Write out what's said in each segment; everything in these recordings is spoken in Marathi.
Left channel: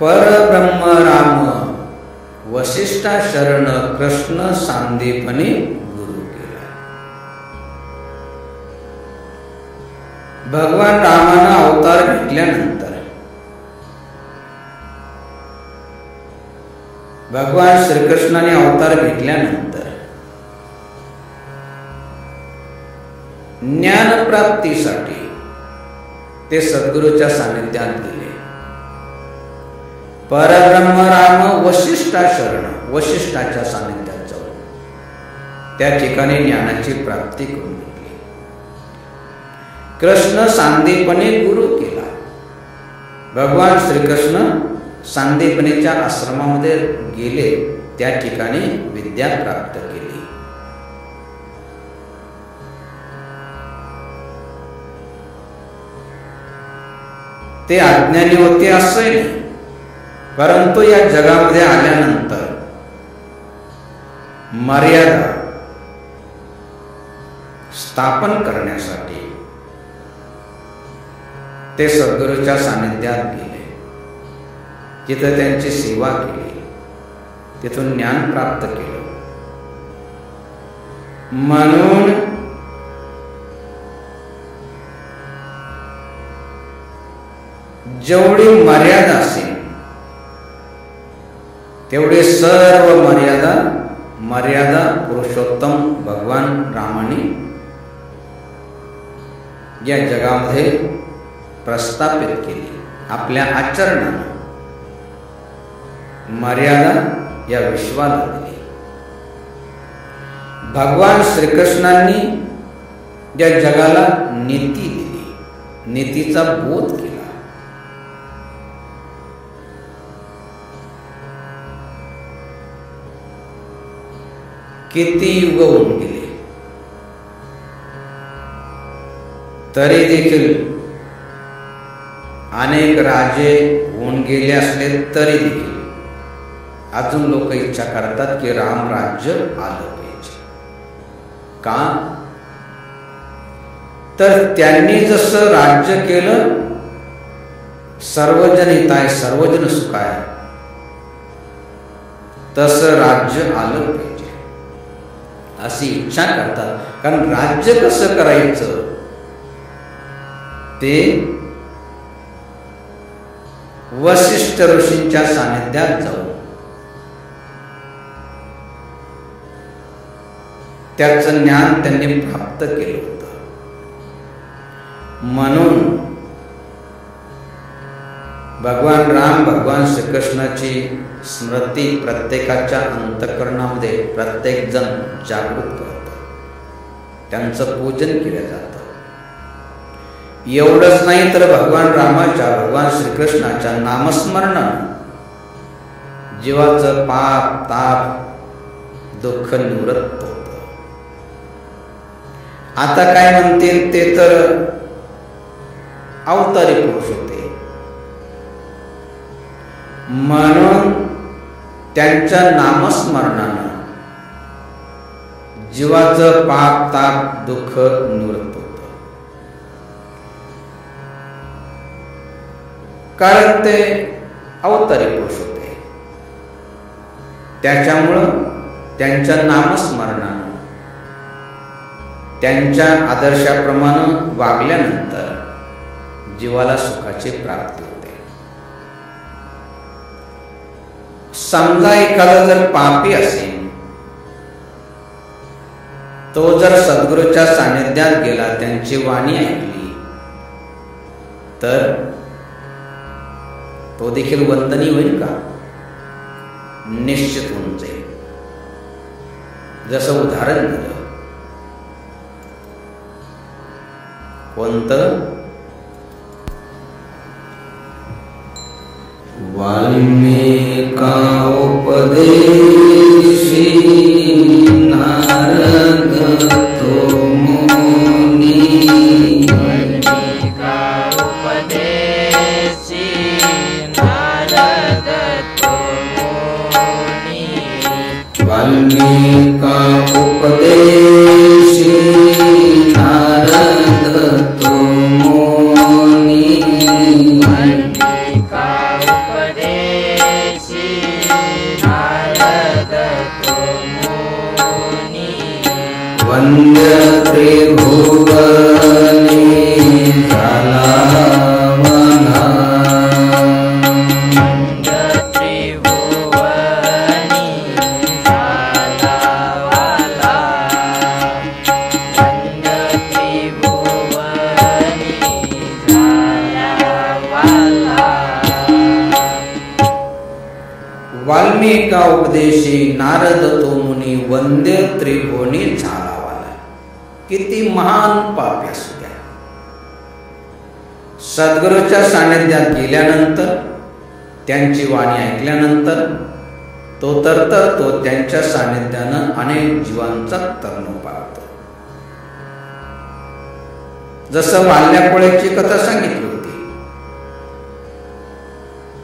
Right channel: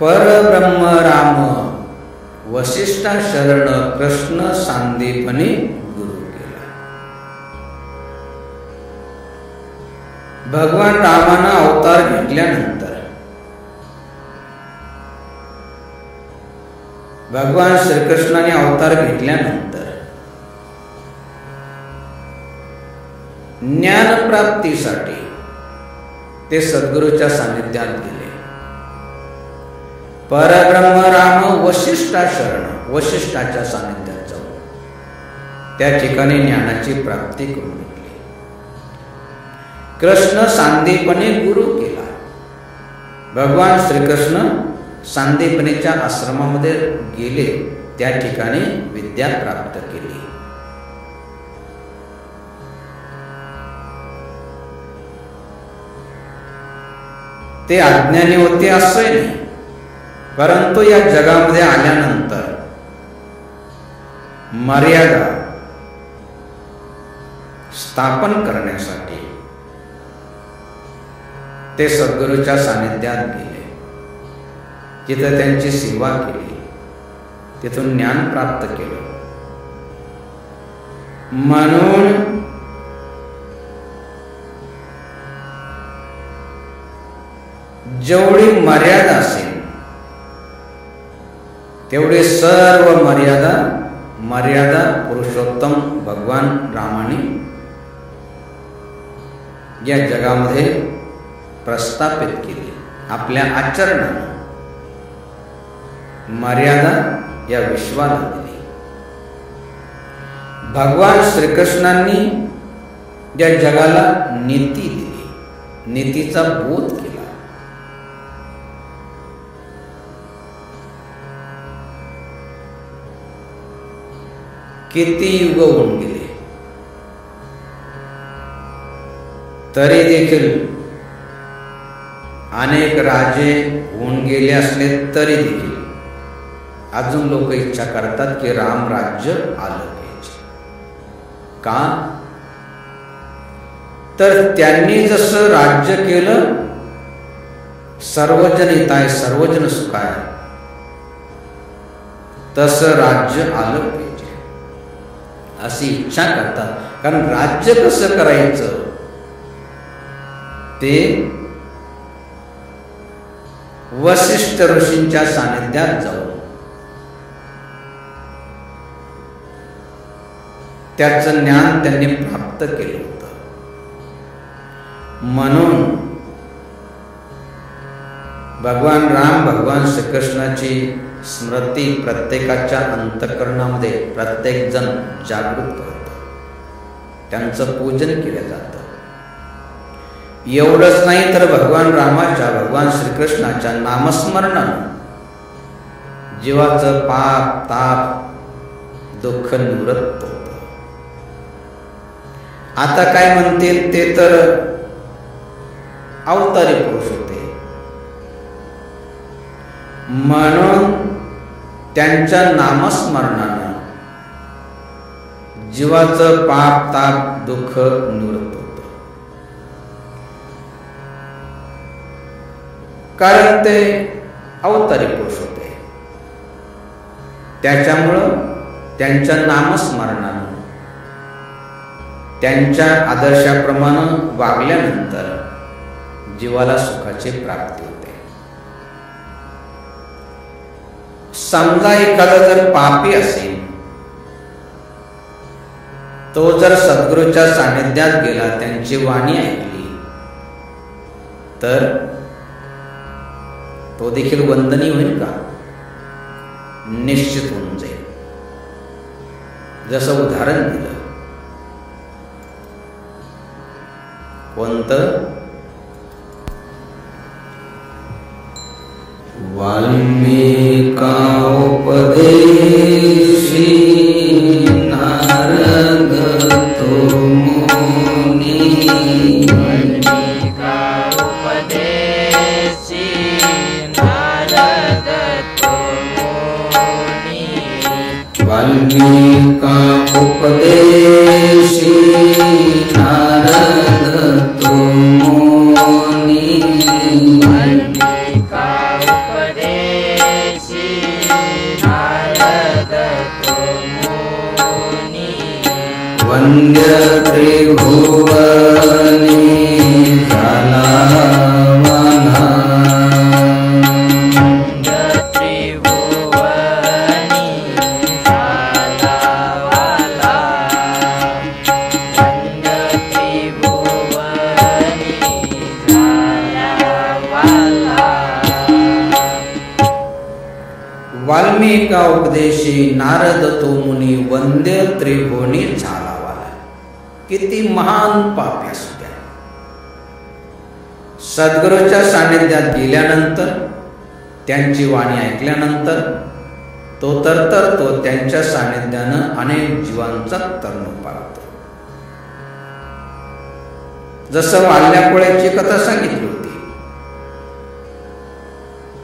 परब्रह्म राम वसिष्ठा शरण कृष्ण सांदीपनी गुरु केला. भगवान रामानं अवतार घेतल्यानंतर भगवान श्रीकृष्णाने अवतार घेतल्यानंतर ज्ञानप्राप्तीसाठी ते सद्गुरूच्या सानिध्यात गेले. परब्रह्म राम वसिष्ठा शरण, वसिष्ठाच्या सानिध्यात जाऊन त्या ठिकाणी ज्ञानाची प्राप्ती करून घेतली. कृष्ण सांदीपनी गुरु केला. भगवान श्रीकृष्ण सांदीपनीच्या आश्रमामध्ये गेले, त्या ठिकाणी विद्या प्राप्त केली. ते अज्ञानी होते असंही नाही, परंतु या जगामध्ये आल्यानंतर मर्यादा स्थापन करण्यासाठी ते सद्गुरूच्या सानिध्यात गेले. तिथं त्यांची सेवा केली, तिथून ज्ञान प्राप्त केलं. म्हणून जेवढी मर्यादा असेल तेवढे सर्व मर्यादा पुरुषोत्तम भगवान रामाने या जगामध्ये प्रस्थापित केली. आपल्या आचरणानं मर्यादा या विश्वाला दिली. भगवान श्रीकृष्णांनी या जगाला नीती दिली, नीतीचा बोध केला. किती युग होऊन गेले तरी देखील, अनेक राजे होऊन गेले असले तरी देखील अजून लोक इच्छा करतात की राम राज्य आलं पाहिजे. का? तर त्यांनी जसं राज्य केलं, सर्वजन हिताय सर्वजन सुखाय, तसं राज्य आलं पाहिजे अशी इच्छा करतात. कारण राज्य कसं करायचं ते वसिष्ठ ऋषींच्या सानिध्यात जाऊन त्याचं ज्ञान त्यांनी प्राप्त केलं होतं. म्हणून भगवान राम, भगवान श्रीकृष्णाची स्मृती प्रत्येकाच्या अंतःकरणामध्ये प्रत्येक जण जागृत करतो, त्यांचं पूजन केलं जातं. एवढंच नाही तर भगवान रामाच्या, भगवान श्रीकृष्णाच्या नामस्मरणानं जीवाचं पाप ताप दुःख निवृत्त होतं. आता काय म्हणतील, ते तर अवतारी पुरुष होते, म्हणून त्यांच्या नामस्मरणानं जीवाचं पाप ताप दुःख निवृत्त होतं. कारण ते अवतारी पुरुष होते, त्याच्यामुळं त्यांच्या नामस्मरणानं त्यांच्या आदर्शाप्रमाणे वागल्यानंतर जीवाला सुखाची प्राप्ती होते. समजा एखादा जर पापी असेल, तो जर सद्गुरूच्या सानिध्यात गेला, त्यांची वाणी ऐकली, तर तो देखील वंदनीय होईल का? निश्चित होऊन जाईल. जसं उदाहरण दिलं, कोणतं? वाल्मीका उपदेशी नारद तो मुनी, वाल्मीका उपदेशी नारद तो मुनी, वाल्मीका उपदेशी नारद तो मुनी, वाल्मीका उपदेशी वंद्य त्रिभुवनी झाला वाला. वाल्मिका उपदेशी नारद तो मुनी वंद्य त्रिभुवनी झाला वाला. किती महान पापी असू द्या, सद्गुरूच्या सानिध्यात गेल्यानंतर, त्यांची वाणी ऐकल्यानंतर तो तरतरतो. त्यांच्या सानिध्यानं अनेक जीवांचा तरण पावतो. जसं वाल्या कोळ्याची कथा सांगितली होती.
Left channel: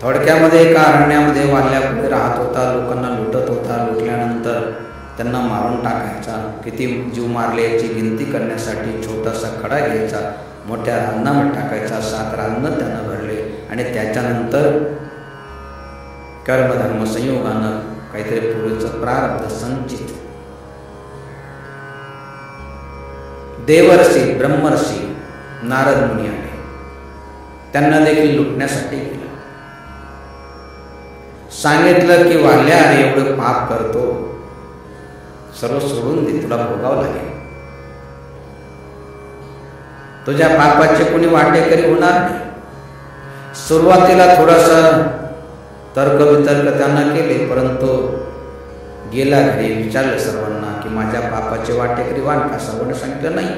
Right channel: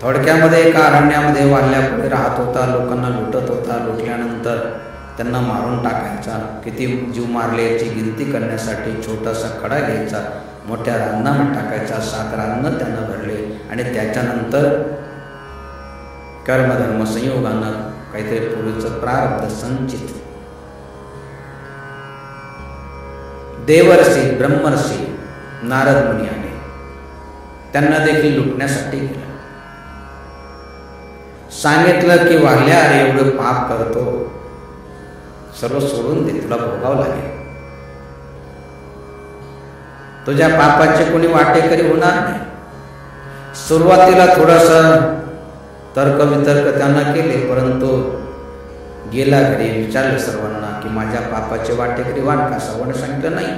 थोडक्यामध्ये एका अरण्यामध्ये वाल्या कोळी राहत होता, लोकांना लुटत होता. लुटल्यानंतर त्यांना मारून टाकायचा. किती जीव मारले याची गिनती करण्यासाठी छोटासा खडा घ्यायचा, मोठ्या रांजणामध्ये टाकायचा. 7 रांजणं त्यानं भरले आणि त्याच्यानंतर कर्मधर्म संयोगानं काहीतरी पूर्वीचं प्रारब्ध संचित देवर्षी ब्रह्मर्षी नारद मुनी आले. त्यांना देखील लुटण्यासाठी गेला. सांगितलं की वाल्या, अरे एवढं पाप करतो, सर्व सोडून दे, तुला भोगावं लागेल. तुझ्या पापाचे कोणी वाटेकरी होणार नाही. सुरुवातीला थोडासा तर्कवितर्क त्यांना केले, परंतु गेला घरी विचारलं सर्वांना की माझ्या पापाचे वाटेकरी वाण का? सर्वांनी सांगितलं नाही.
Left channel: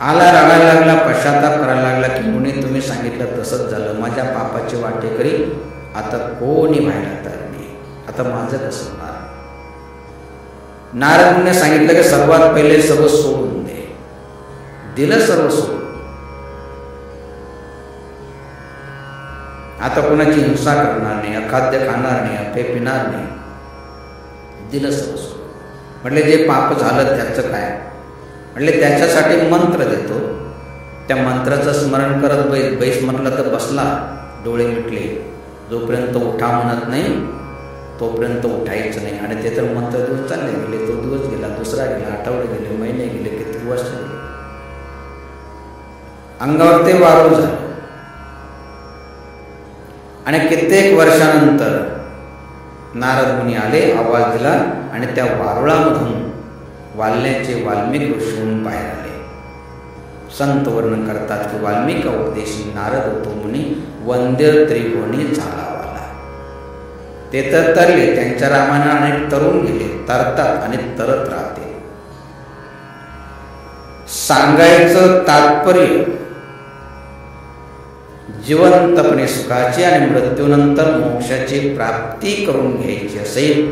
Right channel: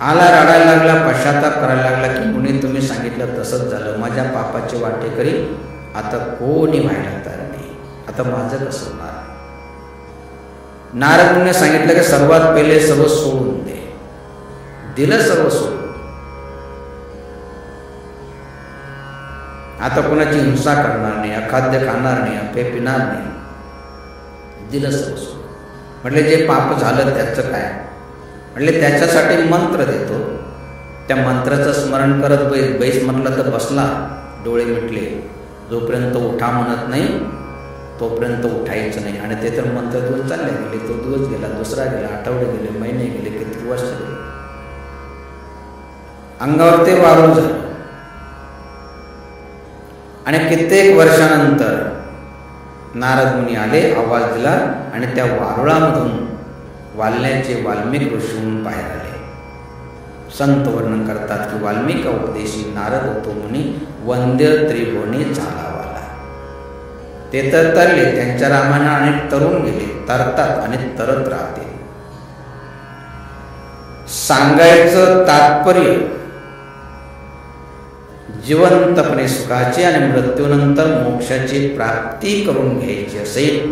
आला, रडायला लागला, पश्चाताप करायला लागला की मुनी तुम्ही सांगितलं तसंच झालं, माझ्या पापाचे वाटेकरी आता कोणी व्हायला तयार नाही, आता माझं कसं होणार? नारद मुनीने सांगितलं की सर्वात पहिले सर्व सोडून दे. दिलं सर्व सोडून. आता कोणाची हिंसा करणार नाही, अखाद्य खाणार नाही, अफे पिणार नाही. दिलं सर्व सोडून. म्हटले जे पाप झालं त्याचं काय? म्हटले त्याच्यासाठी मंत्र देतो. त्या मंत्राचं स्मरण करत बैस म्हटलं तर बसला, डोळे मिटले. जोपर्यंत उठा म्हणत नाही तोपर्यंत उठायचं नाही. आणि ते तर मंत्र देऊन चालले गेले. तो दिवस गेला, दुसरा गेला, आठवडे गेले, महिने गेले, किती वर्ष गेले. अंगावर ते वारुळ झालं. आणि कित्येक वर्षानंतर नारद मुनी आले, आवाज दिला आणि त्या वारुळामधून वाल्ल्याचे वाल्मिक ऋषीहून बाहेर आले. संत वर्णन करतात की वाल्मिका उपदेशी नारद तो मुनी वंद्य त्रिभुवनी झाला वाला. ते तर तरले, त्यांच्या रामायणात अनेक तरुण गेले, तरतात आणि तरत राहते. सांगायचं तात्पर्य जिवंतपणे सुखाची आणि मृत्यूनंतर मोक्षाची प्राप्ती करून घ्यायची असेल,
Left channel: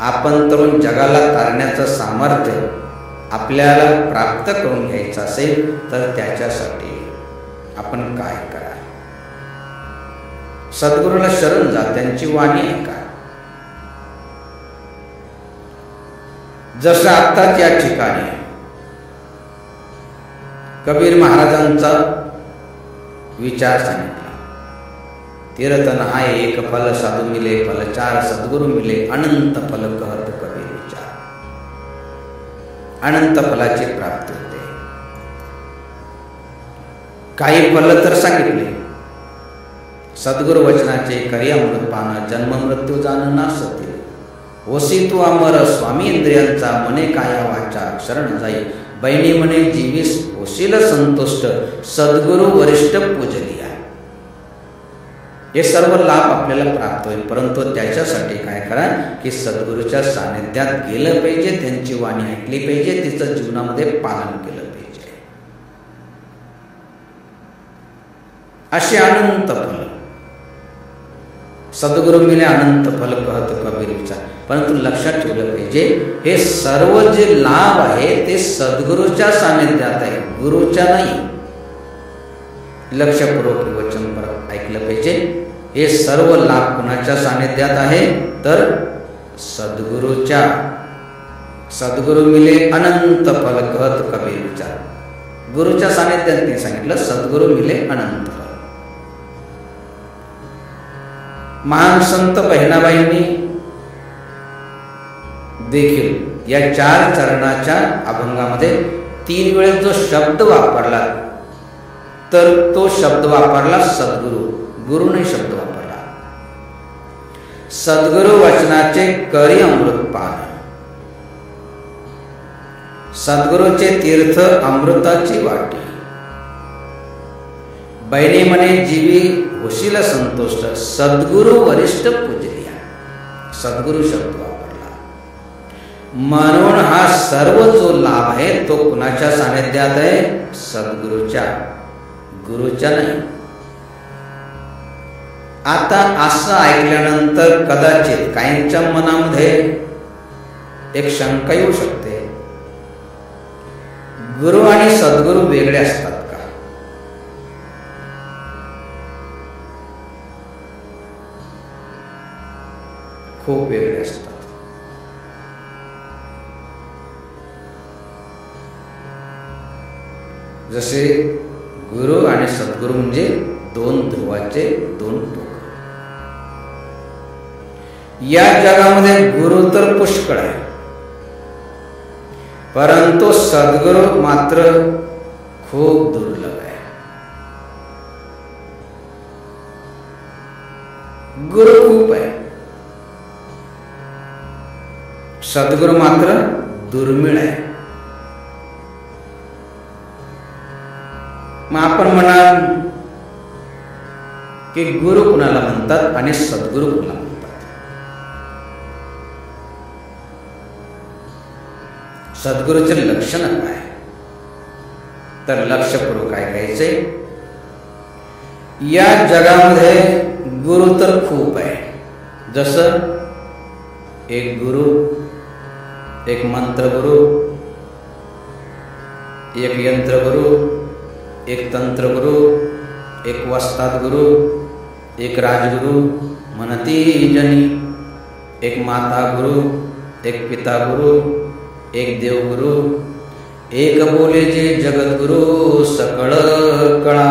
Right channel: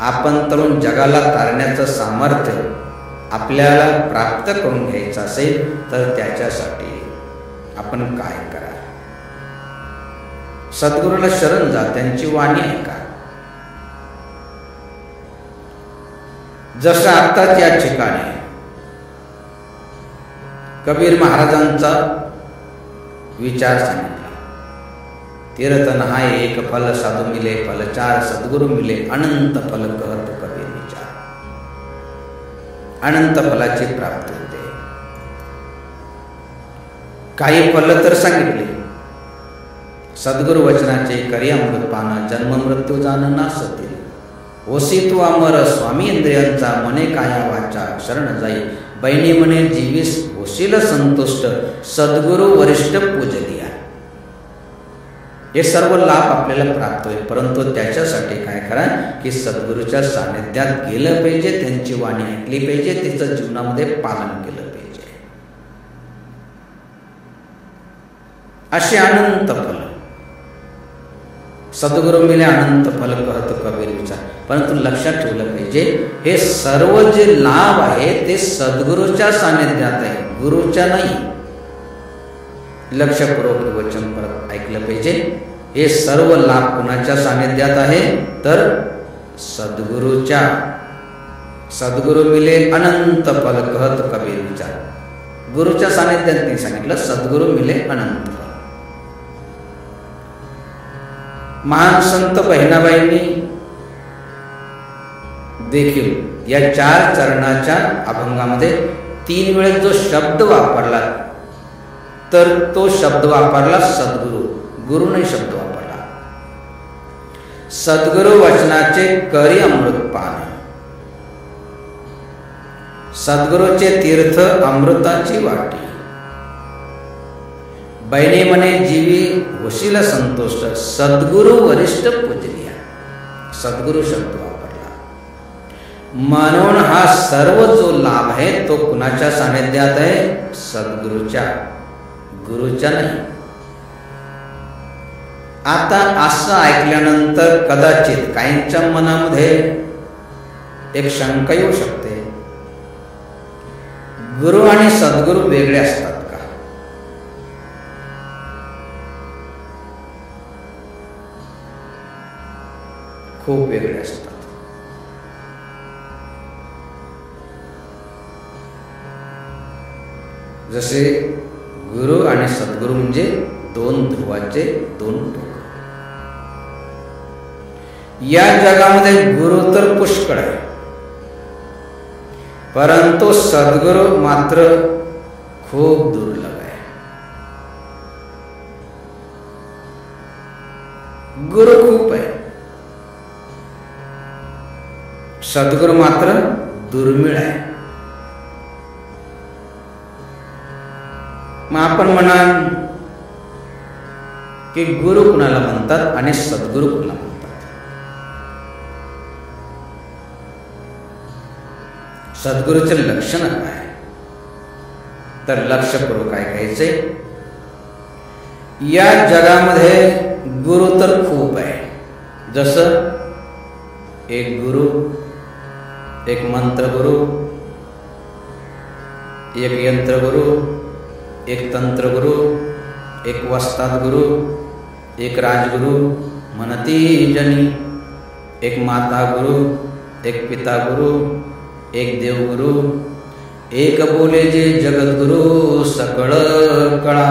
आपण तरुण जगाला तारण्याचं सामर्थ्य आपल्याला प्राप्त करून घ्यायचं असेल तर त्याच्यासाठी आपण काय करा? सद्गुरूला शरण जा, त्यांची वाणी ऐका. जसं आत्ताच या ठिकाणी कबीर महाराजांचा विचार सांगितला. तीर्थ नहाय एक फल, साधू मिले फल 4, सद्गुरु मिले अनंत फल, कहत कबीर विचार. अनंत फलाची प्राप्ती होते. काही फल तर सांगितले. सद्गुरु वचनाचे करी अमृतपान, जन्म मृत्यू जाण नासतील. होसी तू अमर, स्वामी इंद्रियांचा, मने काया वाचा शरण जाई. बहिणी म्हणे जीवीस होशील संतुष्ट, सद्गुरु वरिष्ठ पूजलिया. हे सर्व लाभ आपल्याला प्राप्त होईल, परंतु त्याच्यासाठी काय करा की सद्गुरूच्या सानिध्यात गेलं पाहिजे, त्यांची वाणी ऐकली पाहिजे, तिचं जीवनामध्ये पालन केलं पाहिजे. असे अनंत फल. सद्गुरु मिले अनंत फल, कहत कबीर विचार. परंतु लक्षात ठेवलं पाहिजे, हे सर्व जे लाभ आहे ते सद्गुरूच्या सानिध्यात आहे, गुरुच्या नाही. लक्षपूर्वक वचन परत ऐकलं पाहिजे. हे सर्व लाभ कुणाच्या सानिध्यात आहे तर सद्गुरूच्या. सद्गुरु मिले अनंत फल, कहत कबीर विचार. गुरुच्या सानिध्यात नाही सांगितलं, सद्गुरु मिले अनंत फल. महान संत बहिणाबाईंनी देखील या 4 चरणाच्या अभंगामध्ये 3 वेळेस जो शब्द वापरला तर तो शब्द वापरला सद्गुरु, गुरु नाही शब्द वापरला. सद्गुरु वचनाचे करी अमृतपान, सद्गुरूचे तीर्थ अमृताची वाटी, बैने मने जीवी होशील संतुष्ट, सद्गुरु वरिष्ठ पूजलिया. सद्गुरु शब्द वापरला. म्हणून हा सर्व जो लाभ आहे तो कुणाच्या सानिध्यात आहे? सद्गुरूच्या, गुरुच्या नाही. आता असं ऐकल्यानंतर कदाचित काहींच्या मनामध्ये एक शंका येऊ शकते, गुरु आणि सद्गुरु वेगळे असतात का? खूप वेगळे असतात. जसे गुरु आणि सद्गुरु म्हणजे 2 ध्रुवाचे 2 टोक. या जगामध्ये गुरु तर पुष्कळ आहे, परंतु सद्गुरु मात्र खूप दुर्लभ आहे. गुरु खूप आहे, सद्गुरु मात्र दुर्मिळ आहे. मग आपण म्हणाल की गुरु कुणाला म्हणतात आणि सद्गुरु कुणाला म्हणतात? सद्गुरूचे लक्षण काय? तर लक्षपूर्वक ऐकायचे. या जगामध्ये गुरु तर खूप आहे. जसं एक गुरु, एक मंत्रगुरु, एक यंत्रगुरु, एक तंत्रगुरु, एक वस्ताद गुरु, एक राजगुरु म्हणती जनी, एक माता गुरु, एक पिता गुरु, एक देवगुरु, एक बोले जे जगद्गुरु सकळ कळा.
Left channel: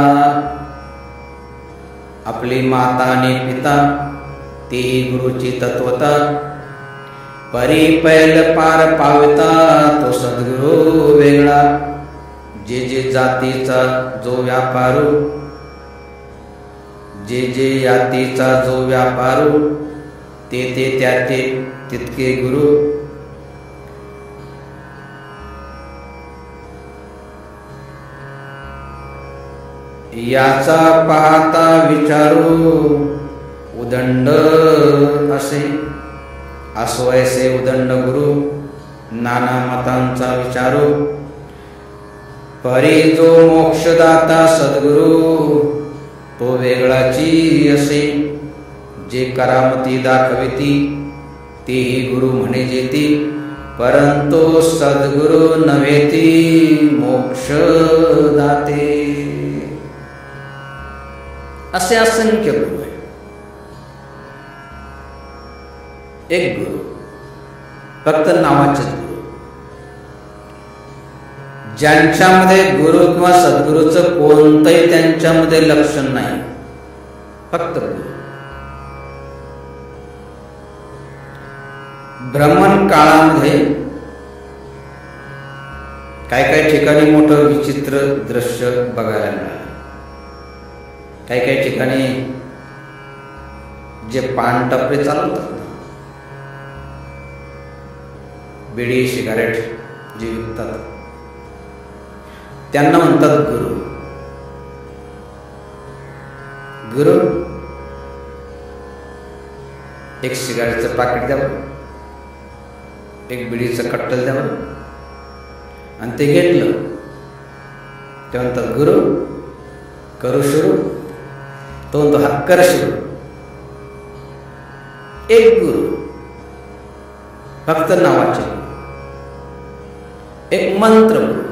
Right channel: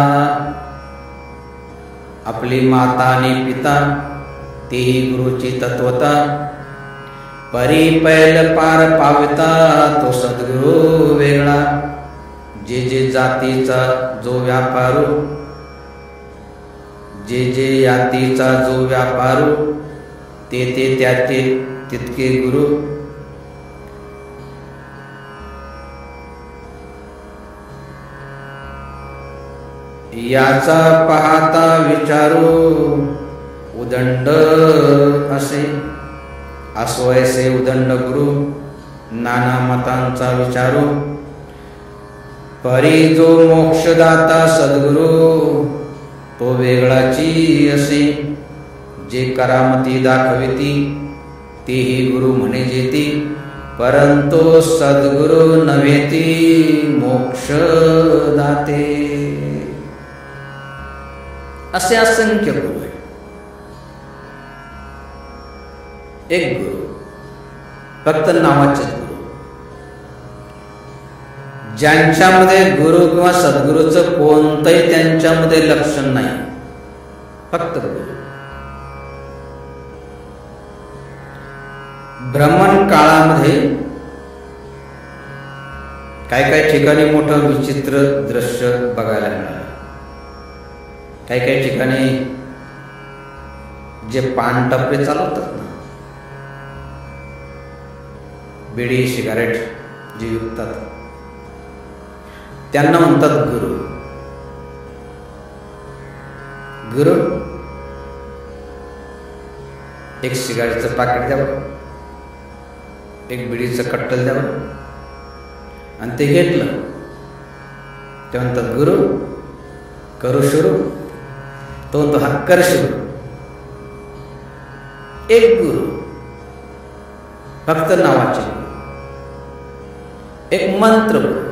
आपली माता आणि पिता तेही गुरुची तत्वता, परी पैल पार पाविता तो सद्गुरु वेगळा. जे जे जातीचा जो व्यापारू, जे जे यातीचा जो व्यापारू, ते ते त्याचे तितके गुरु. याचा पाहता विचारू उदंड असे, असवयसे उदंड गुरु नाना मतांचा विचारू. परी जो मोक्षदाता सद्गुरु तो वेगळाची असे. जे करामती दाखविती तेही गुरु म्हणे जेती, परंतु सद्गुरु नव्हेती मोक्ष दाते. असे असंख्य गुरु आहे. एक गुरु फक्त नावाचेच गुरु, ज्यांच्यामध्ये गुरु किंवा सद्गुरूचं कोणतंही त्यांच्यामध्ये लक्षण नाही, फक्त गुरु. ब्राह्मण काळामध्ये काही काही ठिकाणी मोठं विचित्र दृश्य बघायला मिळालं. काही काही ठिकाणी जे पान टपरे चालवतात ना, बिडी सिगारेट जे विकतात, त्यांना म्हणतात गुरु. गुरु एक सिगारेटचं पाकिट द्यावं, एक बिडीचं कट्टल द्यावं, आणि ते घेतलं ते म्हणतात गुरु करू सुरू. तो म्हणतो हा कर सुरू. एक गुरु फक्त नावाचे गुरु. एक मंत्र गुरु.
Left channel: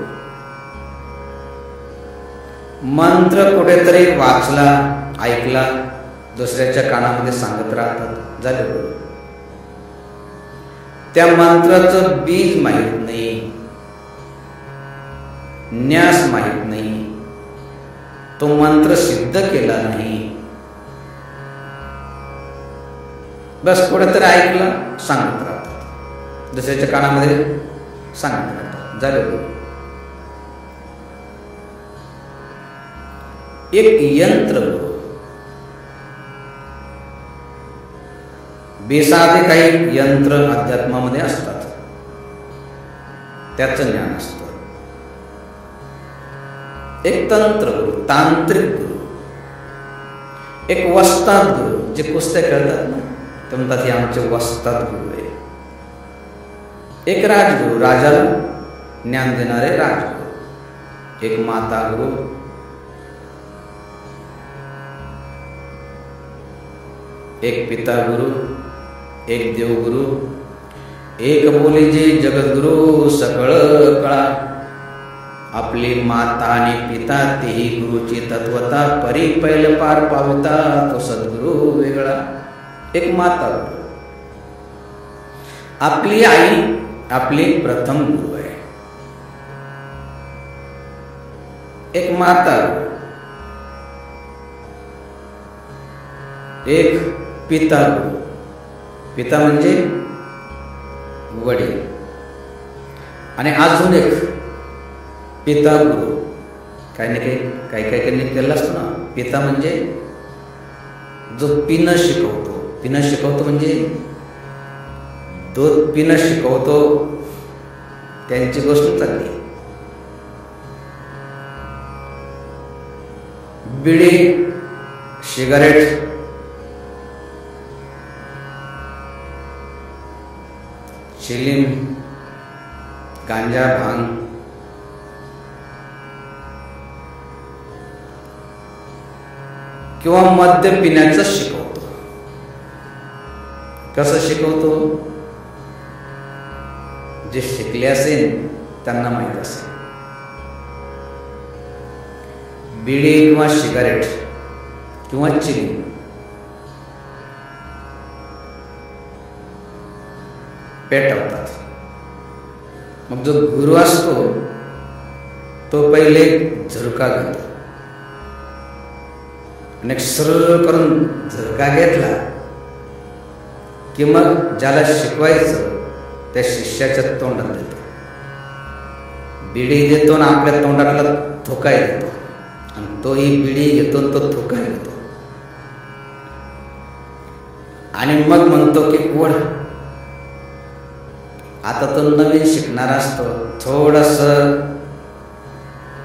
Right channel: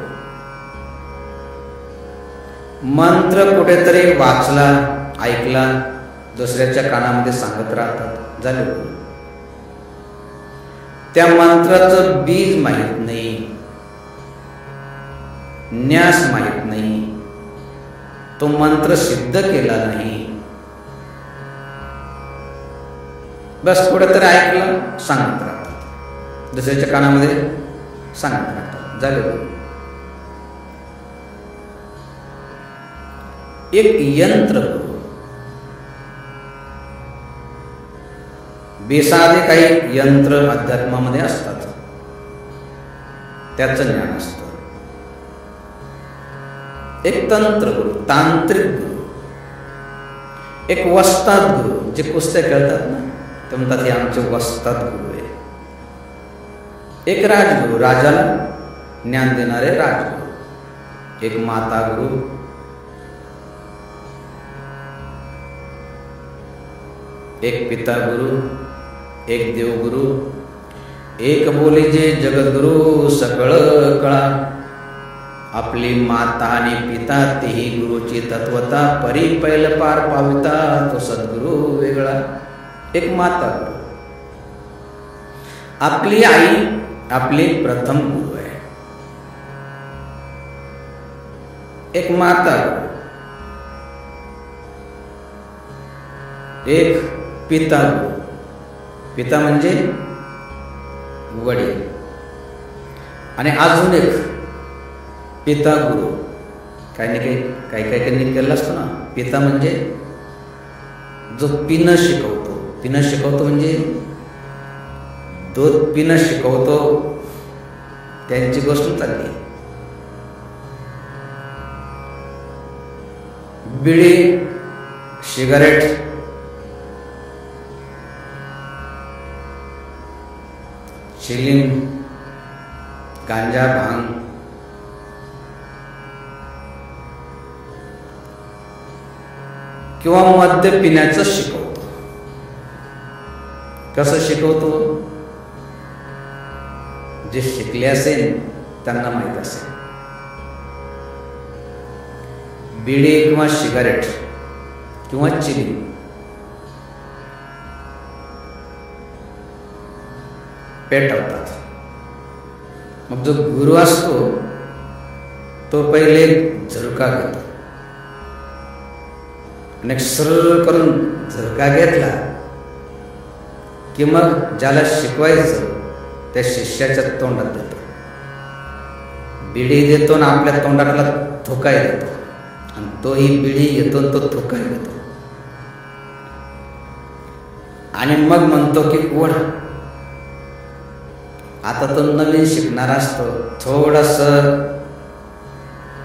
मंत्र कुठेतरी वाचला, ऐकला, दुसऱ्याच्या कानामध्ये सांगत राहतात, झाले गुरु. त्या मंत्राचं बीज माहीत नाही, न्यास माहीत नाही, तो मंत्र सिद्ध केला नाही, बस कुठेतरी ऐकला, सांगत राहतात. दुसऱ्याच्या कानामध्ये सांगत राहतात. झाले गुरु. एक यंत्र गुरु. बेसाधे काही यंत्र अध्यात्मामध्ये असतात, त्याचं ज्ञान असतं. एक तंत्र गुरु, तांत्रिक गुरु. एक वस्ताद गुरु, जे कुस्त्या खेळतात ना, ते म्हणतात हे आमचे वस्ताद गुरु आहे. एक राजगुरु, राजाला ज्ञान देणारे राजगुरु. एक माता गुरु. एक पिता गुरु. एक देवगुरु. एक बोली जे जगद्गुरु सकळ कळा. आपली माता आणि पिता तेही गुरुची तत्वता, परी पैल पार पाविता तो सद्गुरु वेगळा. एक माता गुरु. आपली आई आपली प्रथम गुरु आहे. एक माता गुरु. एक पिता गुरु. पिता म्हणजे वडील. आणि अजून एक पिता गुरु. काही ना काही केलं असतो ना. पिता म्हणजे जो पिणं शिकवतो. पिणं शिकवतो म्हणजे दूध पिणं शिकवतो, त्यांची गोष्ट चालली. बिडी, सिगारेट, चिलीम, गांजा, भांग, किंवा मद्य पिण्याचं शिकवतो. कसं शिकवतो? जे शिकले असेल त्यांना माहीत असेल. बिडी किंवा सिगारेट किंवा चिलीम पेटवतात. मग जो गुरु असतो तो पहिले झुरका घेतो आणि एक सरळ करून झुरका घेतला की मग ज्याला शिकवायचं त्या शिष्याच्या तोंडात देतो. बिडी देतो आणि आपल्या तोंडातला थुकाय देतो, आणि तोही बिडी घेतो आणि तो थुकाय घेतो. आणि मग म्हणतो की ओढ. आता तो नवीन शिकणारा असतो, थोडस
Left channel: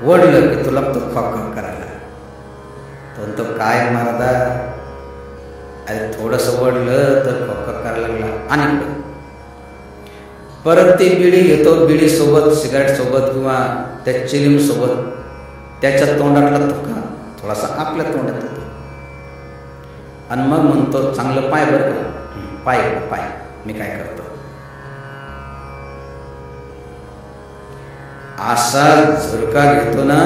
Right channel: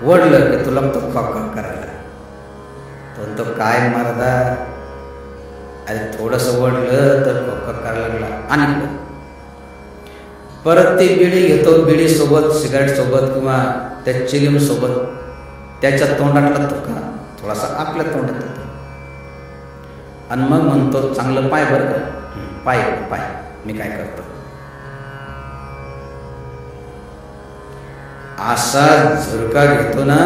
ओढलं की तुला तो खॉक करायला. तो म्हणतो काय मर्दा, अरे थोडस ओढलं तर खॉक करायला लागला. आणि परत ती बिडी घेतो, बिडी सोबत सिगारेट सोबत किंवा त्या चिलीम सोबत त्याच्या तोंडातला थुका थोडासा आपल्या तोंडात येतो. आणि मग म्हणतो चांगलं पाय बरं का, पाय इकडं पाय, मी काय करतो. असा झुरका घेतो ना,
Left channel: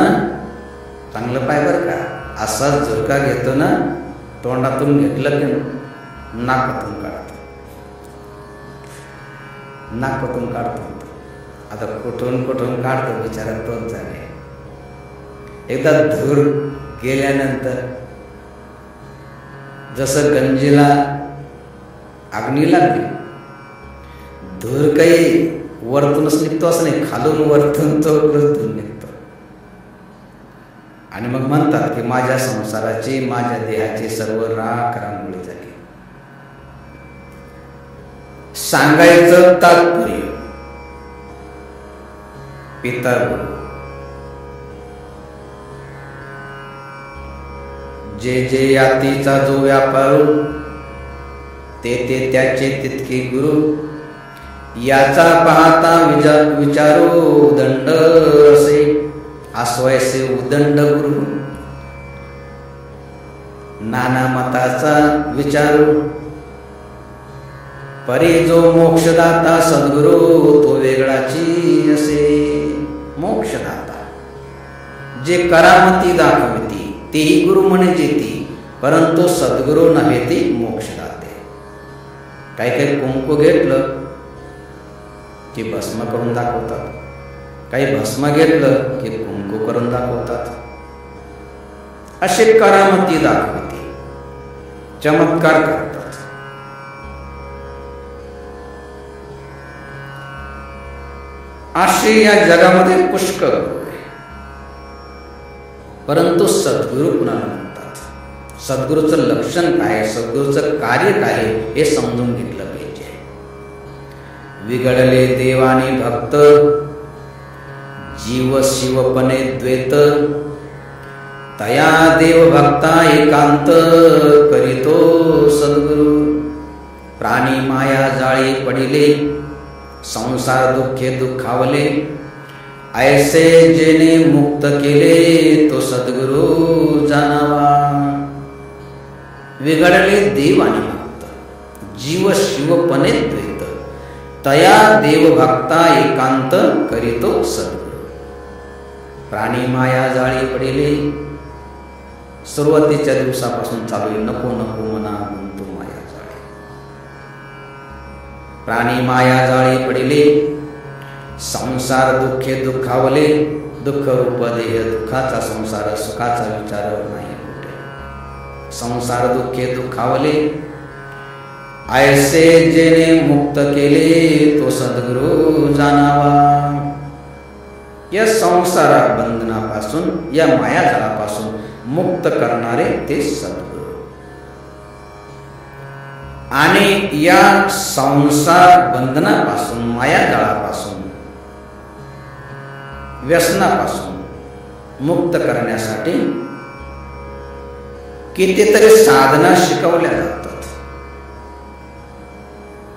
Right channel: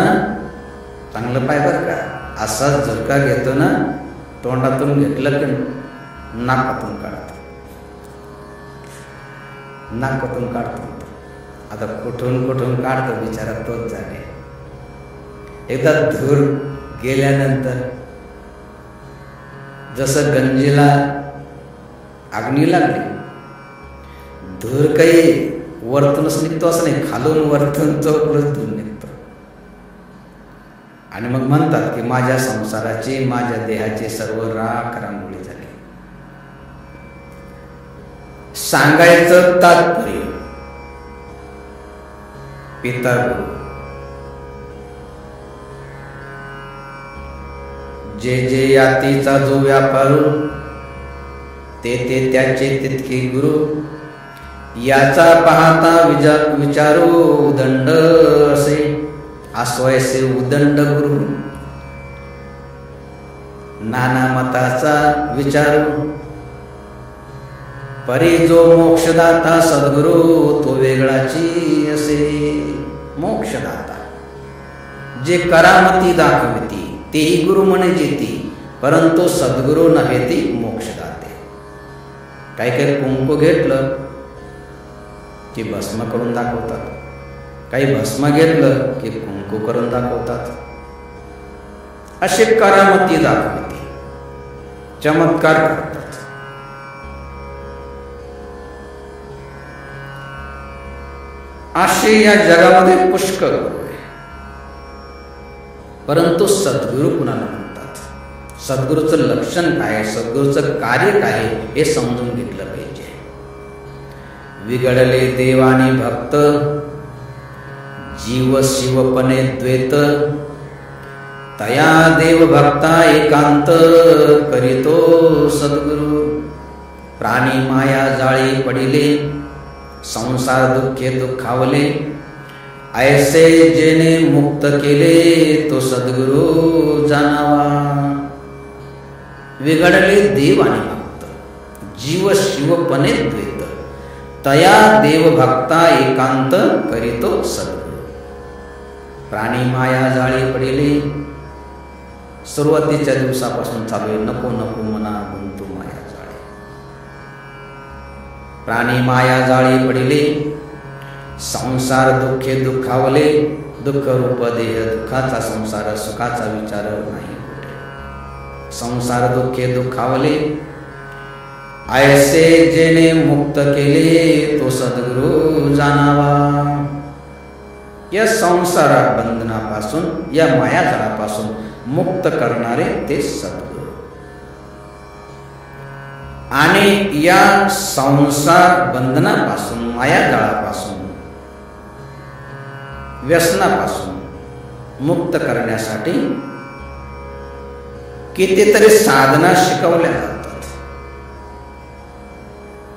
चांगलं पाय बरं का, असा झुरका घेतो ना, तोंडातून घेतलं की नाकातून काढतो. नाकातून काढतो. आता कुठून काढतो बिचारा तोच झाले. एकदा धूर गेल्यानंतर जसं गंजीला अग्नी लागली, धूर काही वरतूनच निघतो असं नाही, खालून वरतून चौकडच धूर निघतो. आणि मग म्हणतात की माझ्या संसाराची, माझ्या देहाची सर्व राख रांगोळी झाली. सांगायचं तात्पर्य, पिता गुरु जे जे यातीचा जो व्यापारू, ते त्याचे तितके गुरु. याचा पाहता विचारू उदंड असे, आस्वायसे उदंड गुरु. नाना मताचा विचारू, परी जो मोक्षदाता सद्गुरु तो वेगळाची असे. मोक्षदाता जे करामती दाखविती तेही गुरु म्हणे जेती, परंतु सद्गुरु नव्हे ती मोक्षदाते. काही कुंकू घेतलं की भस्म करून दाखवतात, काही भस्म घेतलं की कुंकू करून दाखवतात. असे करामती दाखविती, चमत्कार करतात. असे या जगामध्ये पुष्कळ गुरु आहे, परंतु सद्गुरू कुणाला म्हणतात, सद्गुरूचं लक्षण काय आहे, सद्गुरूचं कार्य काय आहे हे समजून घेतलं पाहिजे. विगडले देवानी भक्त, जीव शिवपणे द्वैत, तया देव भक्ता एकांत, करीतो सद्गुरु. प्राणी माया जाळी पडिले, संसार दुःखे दुःखावले, ऐसे जेने मुक्त केले, तो सद्गुरु जाणावा. विघडले देव आणि भक्त, जीव शिवपणे द्वैत, तया देव भक्ता एकांत, करीतो सद्गुरु. प्राणी माया जाळी पडिले, सुरुवातीच्या दिवसापासून चालू आहे, नको नको मना गुंतू माया जाळी. प्राणी माया जाळी पडिले, संसार दुःखे दुःखावले, दुःख रूप देह दुःखाचा संसार, सुखाचा विचार नाही कुठे. संसार दुःखे दुःखावले, ऐसे जेने मुक्त केले, तो सद्गुरु जाणावा. या संसार बंधनापासून, या मायाजाळापासून मुक्त करणारे ते सद्गुरु. आणि या संसार बंधनापासून, मायाजाळापासून, व्यसनापासून मुक्त करण्यासाठी कितीतरी साधना शिकवल्या जातात,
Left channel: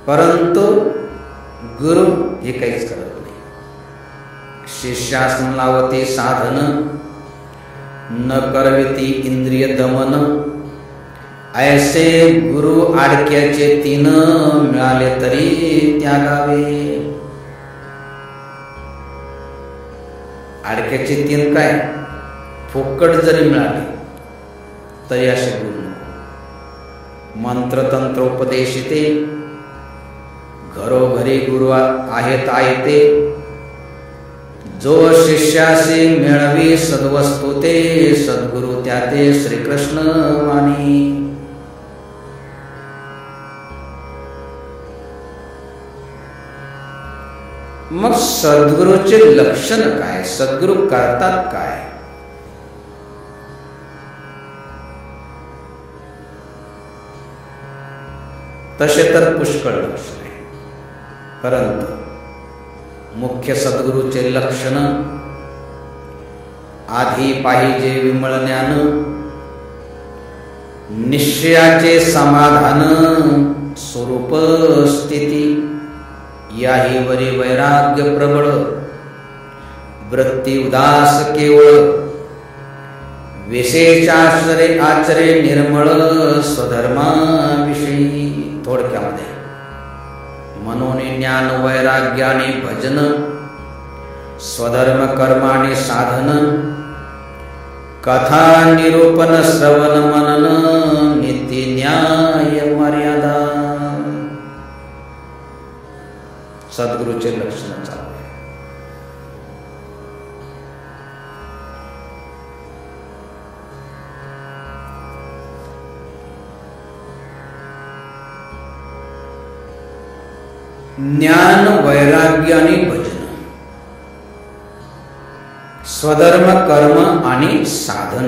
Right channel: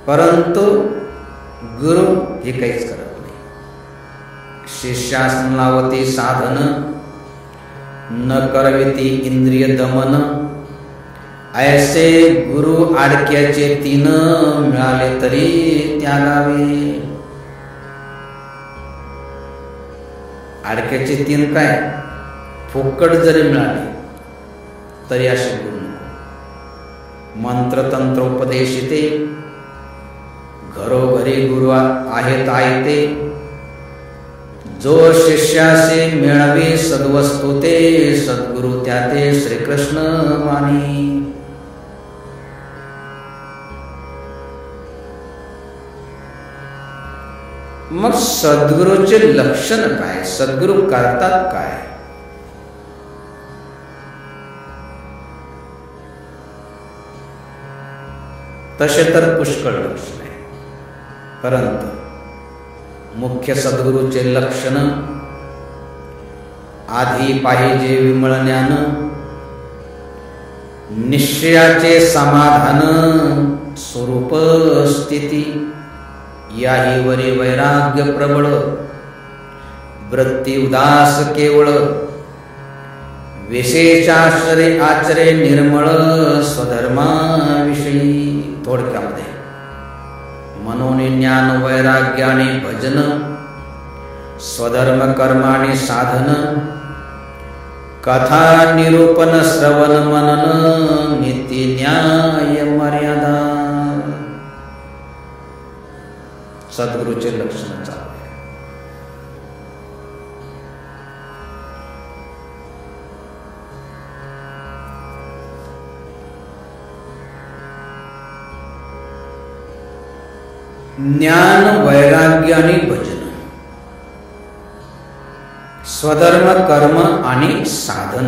परंतु गुरु हे काहीच करत नाही. शिष्यासन लावती साधन, न करविती इंद्रिय दमन, ऐसे गुरु आडक्याचे तीन, मिळाले तरी त्यागावे. आडक्याचे तीन काय, फुकट जरी मिळाले तरी असे गुरु नको. मंत्रतंत्र उपदेशिते, घरोघरी गुरु आहेत आयते, जो शिष्यासे मिळवी सद्वस्तु ते, सद्गुरु त्याते श्रीकृष्ण मानी. मग सद्गुरूचे लक्षण काय, सद्गुरू करतात काय? तसे तर पुष्कळ लक्षण आहे, परंतु मुख्य सद्गुरूचे लक्षण, आधी पाहिजे विमळ ज्ञान, निश्चयाचे समाधान, स्वरूप स्थिती, याही वरी वैराग्य प्रबळ, वृत्ती उदास केवळ, विशेषाश्रय आचरे निर्मळ, स्वधर्माविषयी. थोडक्यामध्ये मनोनी ज्ञान वैराग्याने भजन, स्वधर्म कर्माने साधन, कथा निरूपण श्रवण मनन, नीती न्याय मर्यादा. सद्गुरूचे लक्षण चालू आहे. ज्ञान वैराग्य आणि भजन, स्वधर्म कर्म आणि साधन,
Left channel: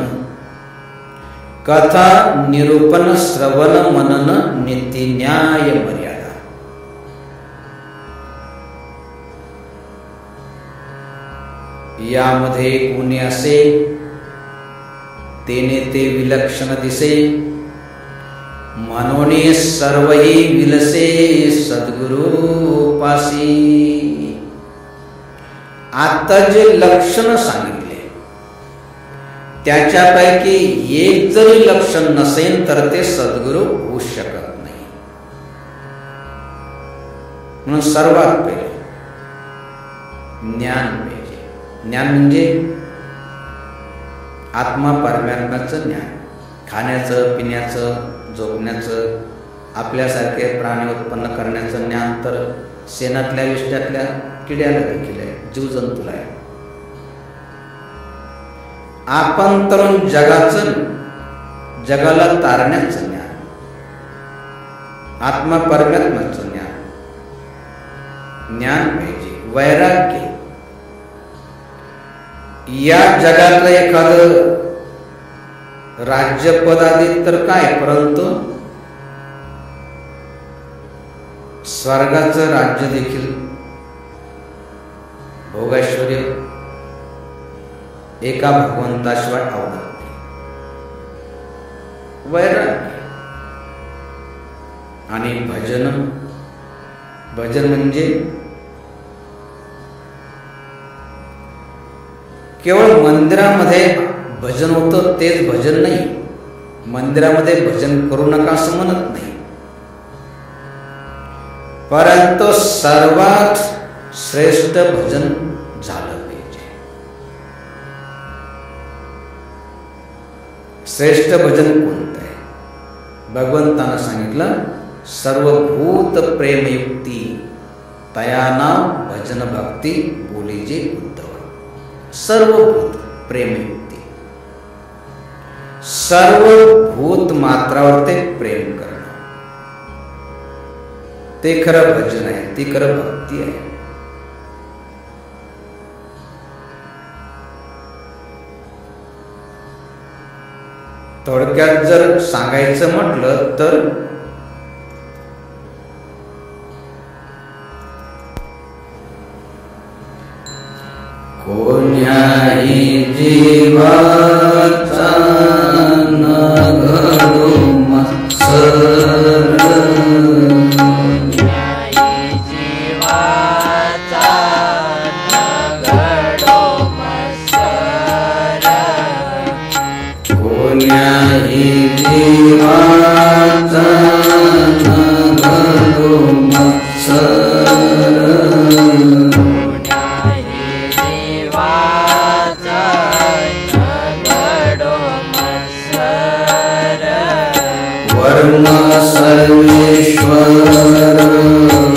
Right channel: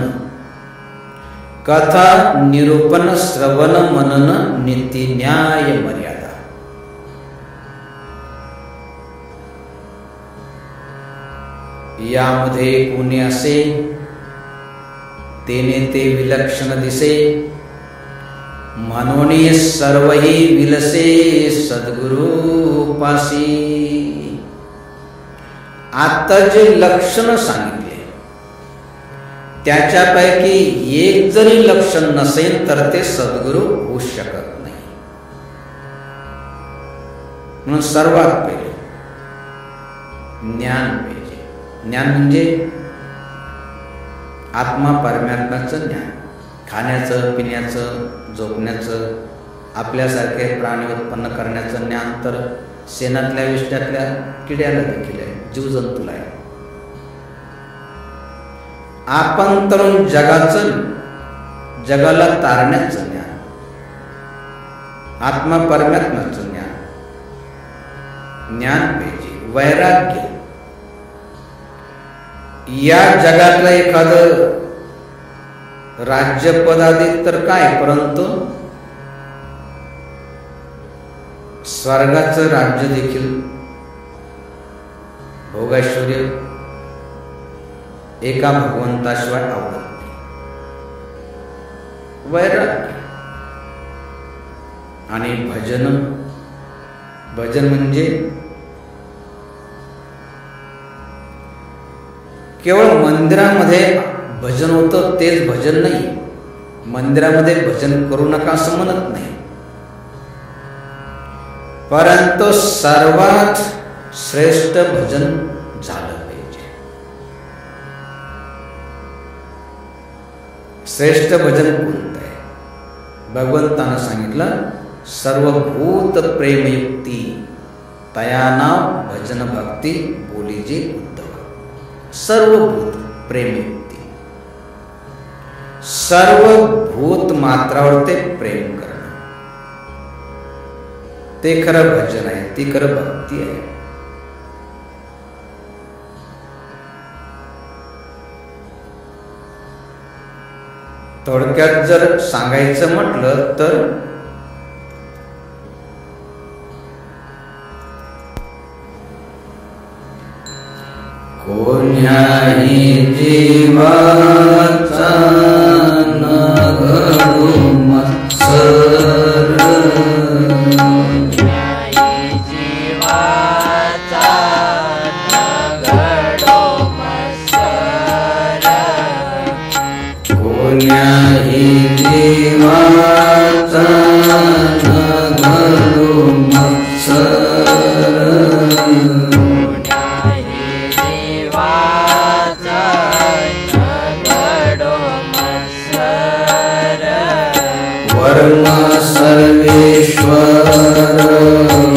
कथा निरूपण श्रवण मनन, नीती न्याय मर्यादा. यामध्ये कोणी असे, तेने ते विलक्षण दिसे, म्हणून सर्वही विलसे, सद्गुरु पासी. आता जे लक्षण सांगितले त्याच्यापैकी एक जरी लक्षण नसेल तर ते सद्गुरु होऊ शकत नाही. म्हणून सर्वात पहिले ज्ञान पाहिजे. ज्ञान म्हणजे आत्मा परमात्म्याचं ज्ञान, खाण्याचं, पिण्याचं, झोपण्याचं, आपल्यासारखे प्राणी उत्पन्न करण्याचं ज्ञान तर शेणातल्या विष्ण्यातल्या किड्याला देखील आहे, जीवजंतूला आहे. आपण तरुण जगाचं, जगाला तारण्याचं ज्ञान, आत्मा परमात्म्याचं ज्ञान, ज्ञान पाहिजे. वैराग्य, या जगातलं एखादं राज्यपद आधी तर काय, परंतु स्वर्गाचं राज्य देखील भोगैश्वर्य एका भगवंताशिवाय आवडत नाही. वैराग्य आणि भजन म्हणजे केवळ मंदिरामध्ये भजन होतं तेच भजन नाही. मंदिरामध्ये भजन करू नका असं म्हणत नाही, परंतु सर्वात श्रेष्ठ भजन झालं पाहिजे. श्रेष्ठ भजन कोणतं आहे? भगवंतानं सांगितलं, सर्वभूत प्रेमयुक्ती तया नाव भजन भक्ती बोलीजे उद्धवा. सर्वभूत प्रेमयुक्ती, सर्वभूत मात्रावर ते प्रेम करणं, ते खरं भजन आहे, ती खरं भक्ती आहे. थोडक्यात जर सांगायचं म्हटलं तर कोण्याही जीवाचा न घडो मत्सर, कोण्याही जीवाचा न घडो मत्सर, कोण्याही जीवाचा न घडो मत्सर, वर्म सर्वेश्वर पूजनाचे,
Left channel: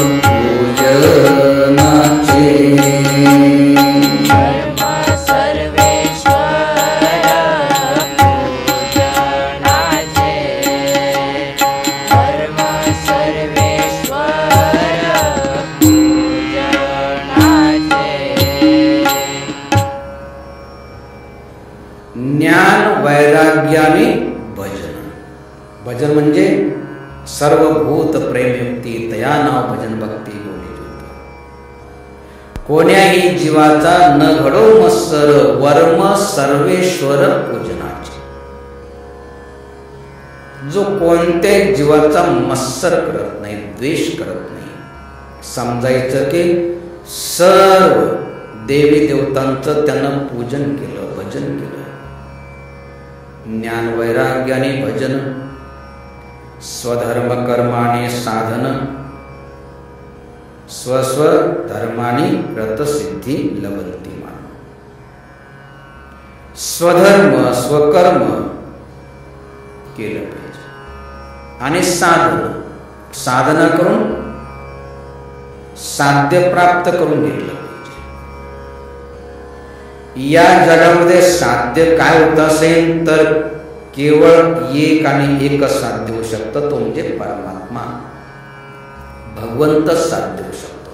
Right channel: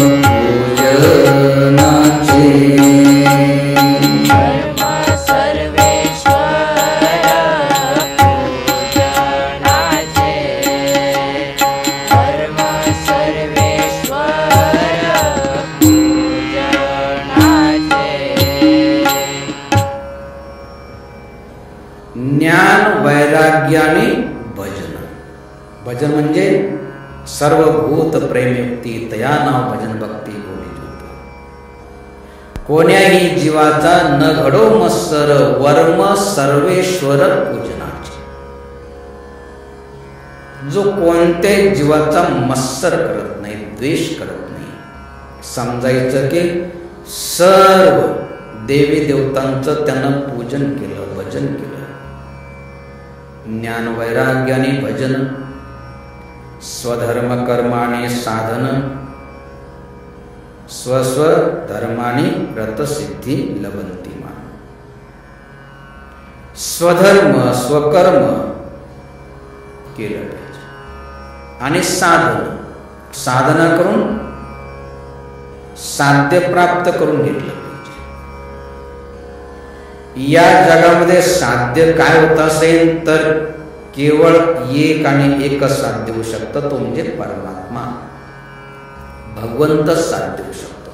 वर्म सर्वेश्वर पूजनाचे, वर्म सर्वेश्वर पूजनाचे. ज्ञान वैराग्याने भजन. भजन म्हणजे सर्वभूत प्रेमयुक्ती तया नाव भजन भक्ती बोली जुत. कोण्याही जीवाचा न घडो मत्सर, वर्म सर्वेश्वर पूजनाचे. जो कोणत्याही जीवाचा मत्सर करत नाही, द्वेष करत नाही. समजायचं की सर्व देवी देवतांचं त्यानं पूजन केलं, भजन केलं. ज्ञान वैराग्याने भजन, स्वधर्म कर्माने साधन, स्वस्व धर्माने रतसिद्धी लभंती मान. स्वधर्म स्वकर्म केलं पाहिजे आणि साधना करून साध्य प्राप्त करून घेतलं पाहिजे. या जगामध्ये साध्य काय होत असेल तर केवळ एक आणि एकच साध्य होऊ शकतं, तो म्हणजे परमात्मा, भगवंतच साध्य होऊ शकतो.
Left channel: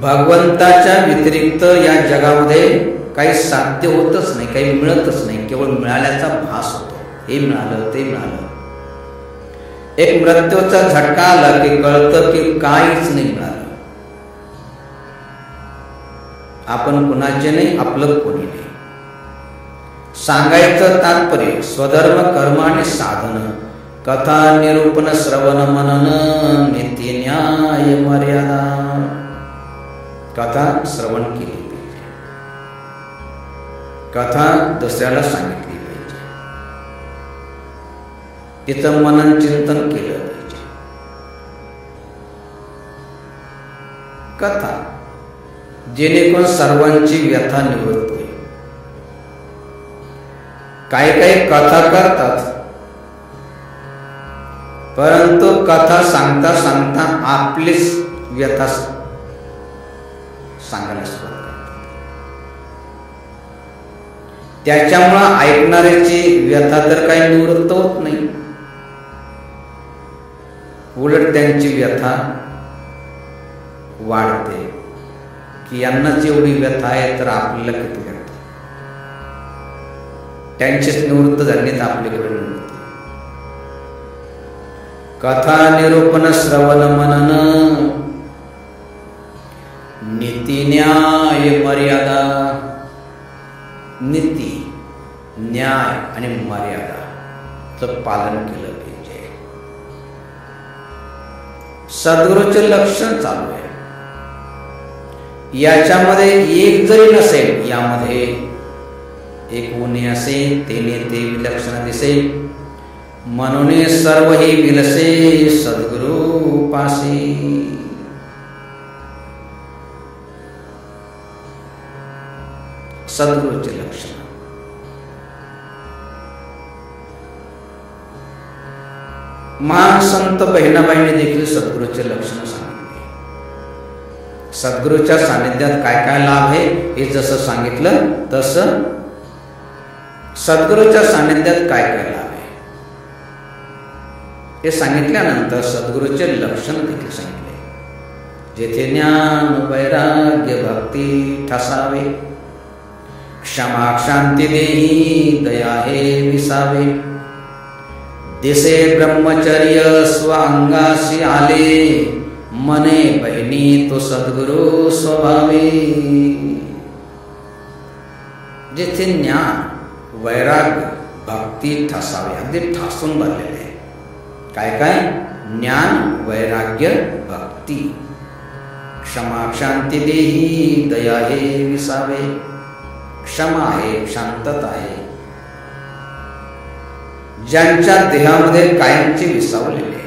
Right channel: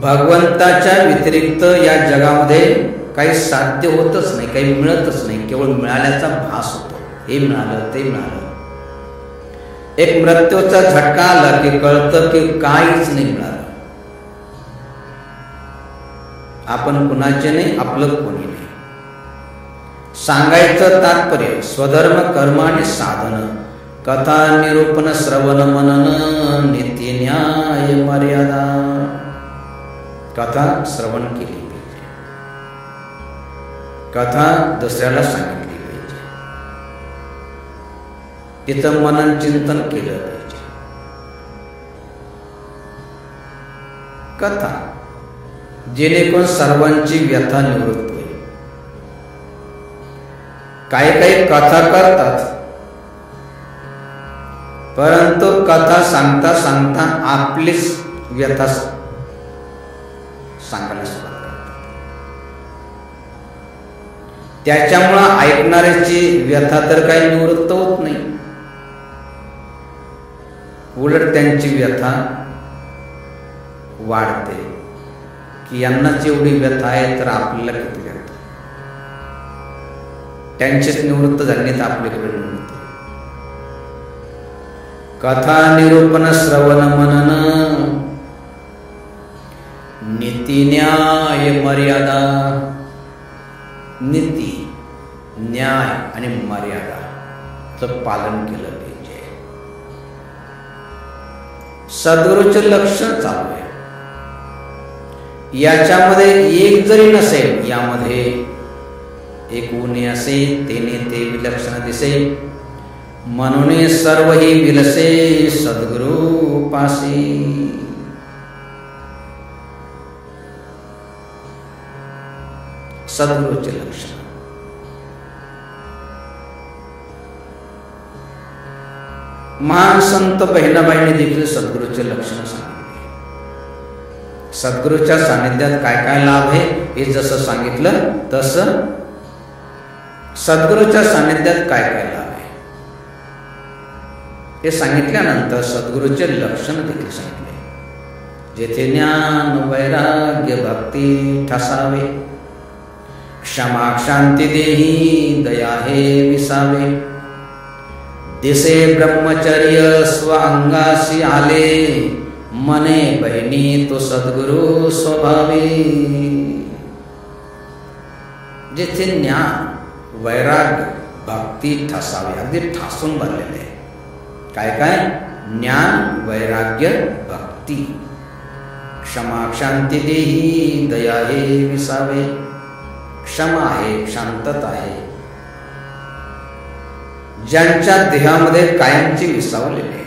भगवंताच्या व्यतिरिक्त या जगामध्ये काही साध्य होतच नाही, काही मिळतच नाही. केवळ मिळाल्याचा भास होतो. हे मिळालं, ते मिळालं. एक मृत्यूचा झटका आला की कळतं की काहीच नाही मिळालं. आपण कुणाचे नाही, आपलं कोणी नाही. सांगायचं तात्पर्य स्वधर्म कर्म आणि साधन, कथा निरूपण श्रवण मनन नित्य न्याय मर्यादा. कथा श्रवण केली पाहिजे, कथा दुसऱ्याला सांगितली पाहिजे, तिचं मनन चिंतन केलं पाहिजे. कथा जेणेकरून सर्वांची व्यथा निवृत्त होईल. काही काही कथा करतात, परंतु कथा सांगता सांगता आपलीच व्यथा सांगायला सुरुवात करतात. त्याच्यामुळं ऐकणाऱ्याची व्यथा तर काही निवृत्त होत नाही, उलट त्यांची व्यथा वाढते. की यांनाच एवढी व्यथा आहे तर आपल्याला किती व्यथा. त्यांचेच निवृत्त झाले तर आपले कुठे निवृत्त. कथा निरूपण श्रवण मनन नीती न्याय मर्यादा. नीती न्याय आणि मर्यादाचं पालन केलं पाहिजे. सद्गुरूचे लक्षण चालू आहे. याच्यामध्ये एक जरी नसेल, यामध्ये एक उणे असे तेने ते विलक्षण दिसे. म्हणून सर्व ही विलसे सद्गुरु पासी. सद्गुरूचे लक्षण. महान संत बहिणाबाईंनी देखील सद्गुरूचे लक्षण सांगितले. सद्गुरूच्या सानिध्यात काय काय लाभ आहे हे जसं सांगितलं तसं सद्गुरूच्या सानिध्यात काय काय लाभ आहे हे सांगितल्यानंतर सद्गुरूचे लक्षण देखील सांगितले. जेथे ज्ञान वैराग्य भक्ती ठसावे, क्षमा शांती देही दया हे विसावे. दिसे ब्रह्मचर्य स्व अंगासी आले, मने बहिणी तो सद्गुरु स्वभावे. जेथे ज्ञान वैराग्य भक्ती ठसावे, अगदी ठासून भरलेले आहे. काय काय? ज्ञान वैराग्य भक्ती. क्षमा शांती देही दया हे विसावे. क्षमा आहे, शांतता आहे, ज्यांच्या देहामध्ये कायमचे विसावलेले.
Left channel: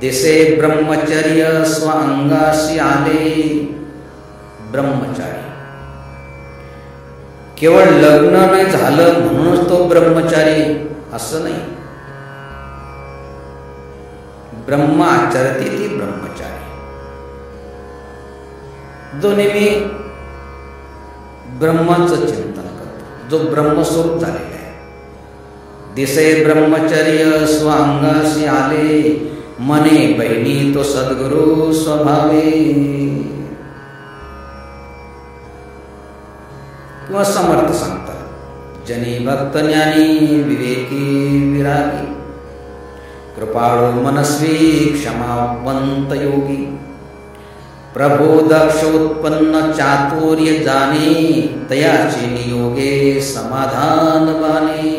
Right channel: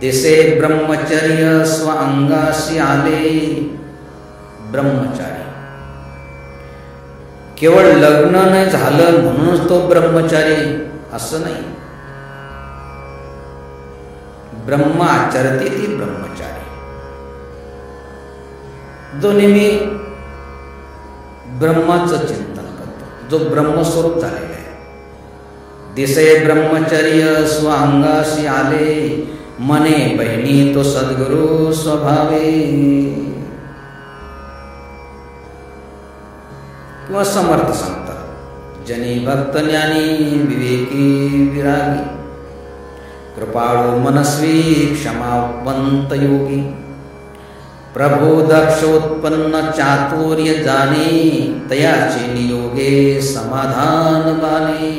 दिसे ब्रह्मचर्य स्व अंगाशी आले. ब्रह्मचारी केवळ लग्न नाही झालं म्हणूनच तो ब्रह्मचारी असं नाही. ब्रह्म आचरते ती ब्रह्मचारी, जो नेहमी ब्रह्माचं चिंतन करतो, जो ब्रह्मस्वरूप झालेला आहे. दिसे ब्रह्मचर्य स्व अंगाशी आले, मने बहिणी तो सद्गुरु स्वभावे. किंवा समर्थ सांगतात, जनी भक्त ज्ञानी विवेकी विरागी, कृपाळू मनस्वी क्षमावंत योगी. प्रभु दक्ष उत्पन्न चातुर्य जाणे, तयाचे नियोगे समाधान बाणे.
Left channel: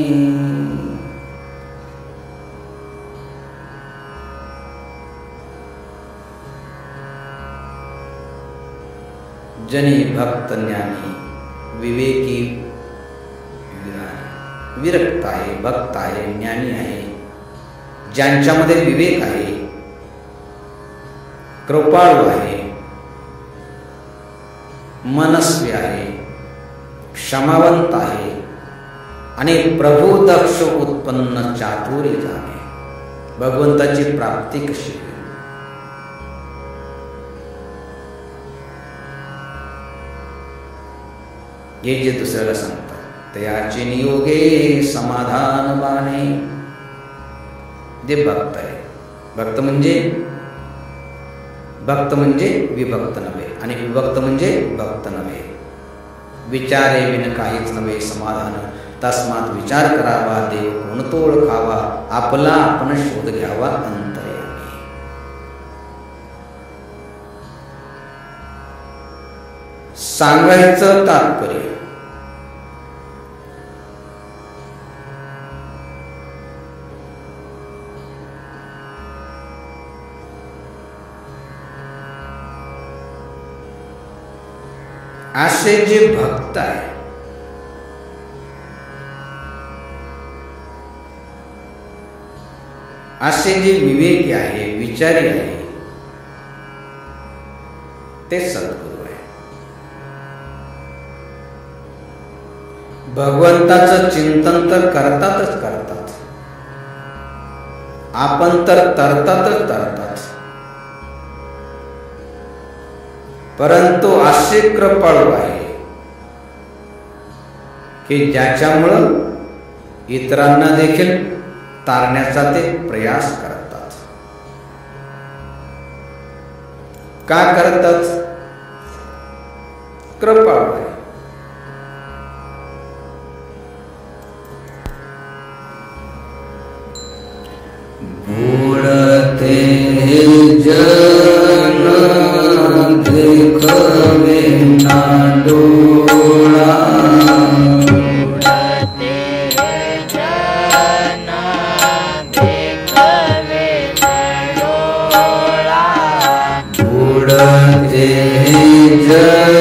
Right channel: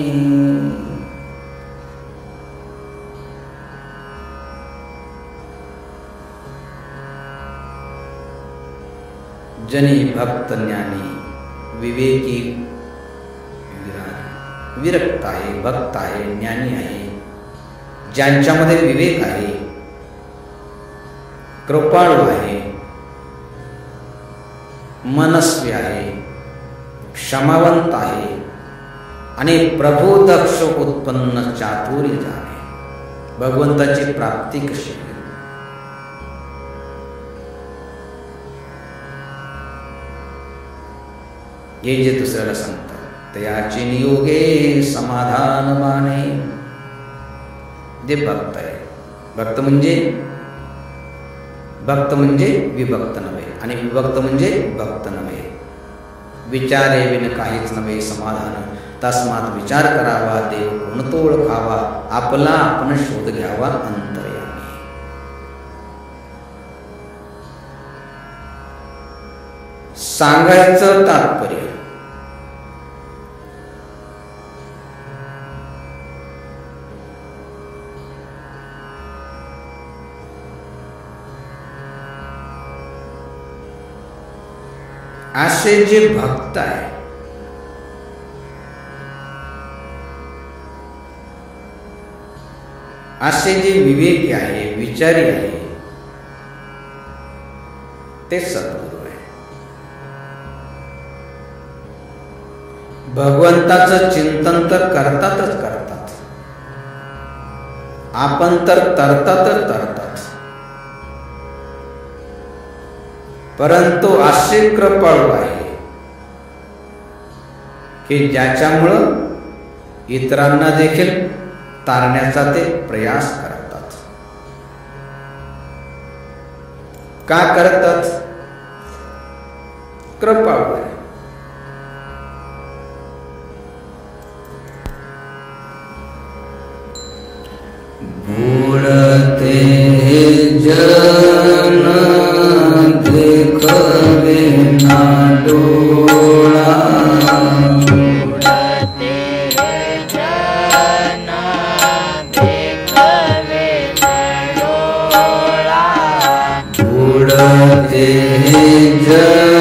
जनी भक्त ज्ञानी विवेकी विरागी. विरक्त आहे, भक्त आहे, ज्ञानी आहे, ज्यांच्यामध्ये विवेक आहे, कृपाळू आहे, मनस्वी आहे, क्षमावंत आहे आणि प्रभु दक्ष उत्पन्न चातुर्य जाणे. भगवंताची प्राप्ती कशी होईल, हे जे दुसऱ्याला सांगतात, तयाचे नियोगे समाधान बाणे. जे भक्त आहे, भक्त म्हणजे विभक्त नव्हे आणि विभक्त म्हणजे भक्त नव्हे. विचारे विन काहीच नव्हे समाधान, तस्मात विचार करावा देव कोणतो ओळखावा, आपला आपण शोध घ्यावा अंतर्यामी. सांगायचं तात्पर्य, असे जे भक्त आहे, असे जे विवेकी आहे, विचारी आहे, ते सद्गुरू आहे. भगवंताचं चिंतन तर करतातच करतात, आपण तर तरतात. परंतु असे कृपाळू आहे की ज्याच्यामुळं इतरांना देखील तारण्याचा ते प्रयास करतात. का करतात? कृपाळू आहे. बुडते जन देखवे ना डोळा, बुडते जन देखवे न डोळा, बुडते जन